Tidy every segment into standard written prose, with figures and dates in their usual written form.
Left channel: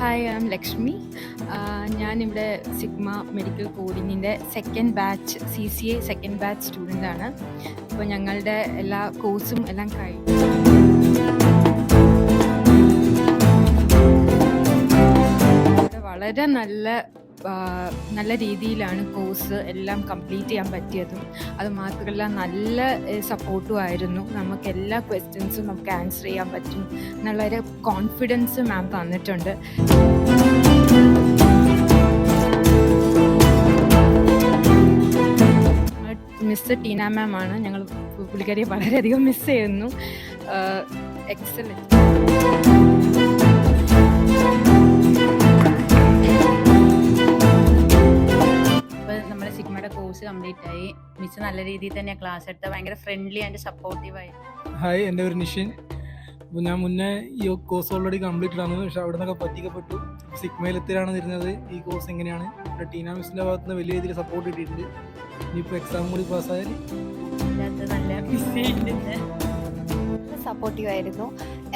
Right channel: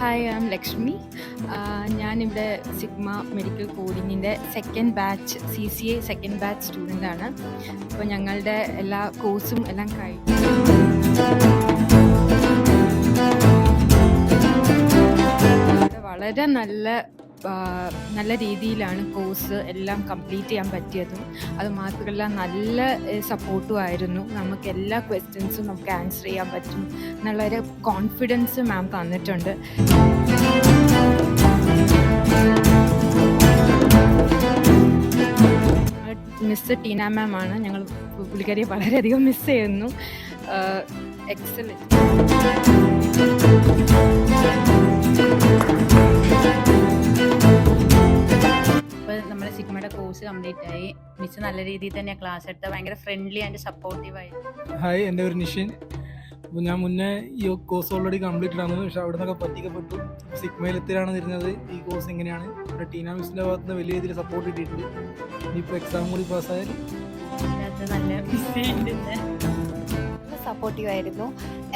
Hi, I am Lakshmi. ഞാനിവിടെ sigma medical കോഡിങ്ങിൻ്റെ second batch CCA second batch സ്റ്റുഡൻ്റാണ്. അപ്പോൾ ഞങ്ങളുടെ എല്ലാ കോഴ്സും എല്ലാം കഴിഞ്ഞു. ഇവിടെ വളരെ നല്ല രീതിയിലാണ് കോഴ്സ് എല്ലാം കംപ്ലീറ്റ് ചെയ്യാൻ പറ്റിയതും. അത് മാത്രമല്ല നല്ല സപ്പോർട്ടും ആയിരുന്നു. നമുക്ക് എല്ലാ ക്വസ്റ്റ്യൻസും നമുക്ക് ആൻസർ ചെയ്യാൻ പറ്റും എന്നുള്ളൊരു കോൺഫിഡൻസ് മാം തന്നിട്ടുണ്ട്. മിസ് ടീന മാം ആണ്. ഞങ്ങൾ പുള്ളിക്കാരിയെ വളരെയധികം മിസ് ചെയ്യുന്നു. എക്സലൻറ്റ്. ഇപ്പോൾ നമ്മുടെ സിഗ്മയുടെ കോഴ്സ് കംപ്ലീറ്റ് ആയി. മിസ് നല്ല രീതിയിൽ തന്നെ ക്ലാസ് എടുത്ത ഭയങ്കര ഫ്രണ്ട്ലി ആൻഡ് സപ്പോർട്ടീവായി. ഹായ്, എൻ്റെ പേര് നിഷിൻ. അപ്പോൾ ഞാൻ മുന്നേ ഈ കോഴ്സ് ഓൾറെഡി കംപ്ലീറ്റഡ് ആണ്, പക്ഷെ അവിടെ നിന്നൊക്കെ പറ്റിക്കപ്പെട്ടു. സിഗ്മയിൽ എത്തിയാണ് തിരിഞ്ഞത്. ഈ കോഴ്സ് എങ്ങനെയാണ് ഇവിടെ ടീന മിസ്സിൻ്റെ ഭാഗത്ത് നിന്ന് വലിയ രീതിയിൽ സപ്പോർട്ട് കിട്ടിയിട്ടുണ്ട്. ഇനിയിപ്പോൾ എക്സാം കൂടി പാസ്സായാൽ നല്ല മിസ് ചെയ്യുന്നുണ്ട്. സപ്പോർട്ടീവ് ആയിരുന്നു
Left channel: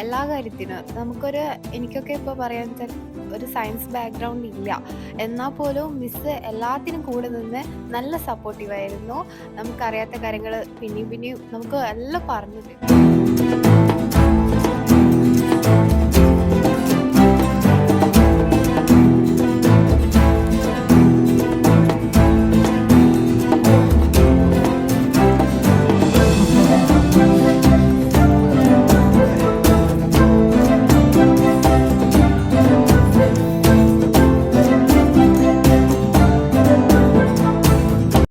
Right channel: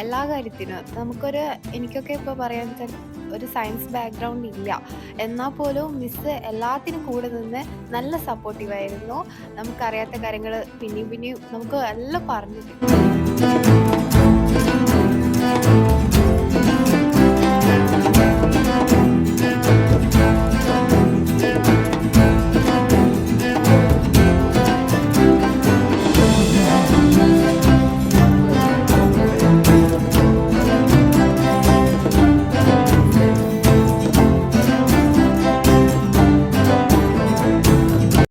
എല്ലാ കാര്യത്തിനും. എനിക്കൊക്കെ ഇപ്പോൾ പറയാൻ വെച്ചാൽ ഒരു സയൻസ് ബാക്ക്ഗ്രൗണ്ട് ഇല്ല, എന്നാൽ പോലും മിസ്സ് എല്ലാത്തിനും കൂടെ നിന്ന് നല്ല സപ്പോർട്ടീവായിരുന്നു. നമുക്കറിയാത്ത കാര്യങ്ങൾ പിന്നെയും നമുക്ക് എല്ലാം പറഞ്ഞു തരും.